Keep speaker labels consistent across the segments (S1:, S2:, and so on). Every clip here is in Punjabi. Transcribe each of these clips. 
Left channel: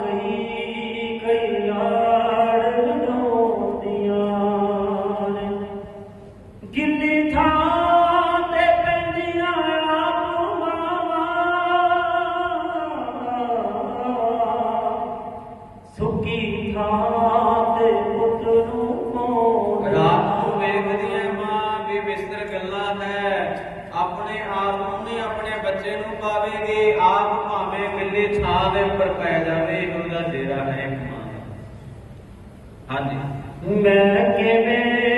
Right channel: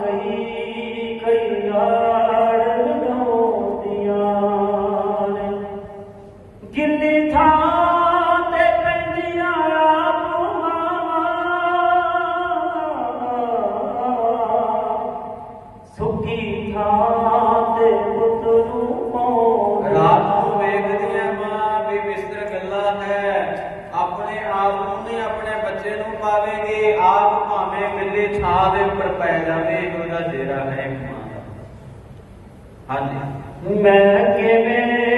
S1: कई गी थां सुकी थांत ਆਪਣੇ ਬੱਚੇ ਨੂੰ ਪਾਵੇਗੀ, ਆਪ ਭਾਵੇਂ ਬਿੱਲੀ ਛਾਂ ਦੇ ਉੱਪਰ ਪੈ ਜਾਵੇ, ਉਹਦਾ ਡੇਰਾ ਹੈ ਮਾਂ ਦਾ ਹਾਂਜੀ।
S2: ਮੈਂ ਕਿਵੇਂ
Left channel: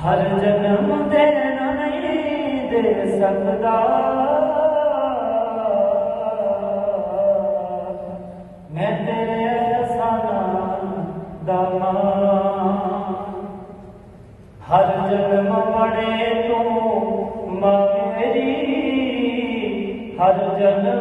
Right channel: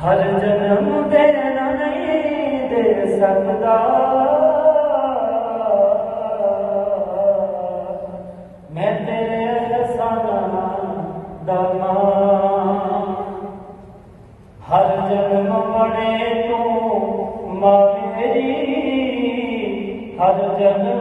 S2: ਹਰ ਜਨਮ ਦੇ ਨਹੀਂ ਦੇ ਸਕਦਾ। ਮੈਂ ਤੇਰੇ ਰਸਾਨਾ ਦਾ ਨਾਮ ਹਰ ਜਨਮ ਬੜੇ ਤੂੰ ਮਾਂ ਮੇਰੀ। ਹਰ ਜਨਮ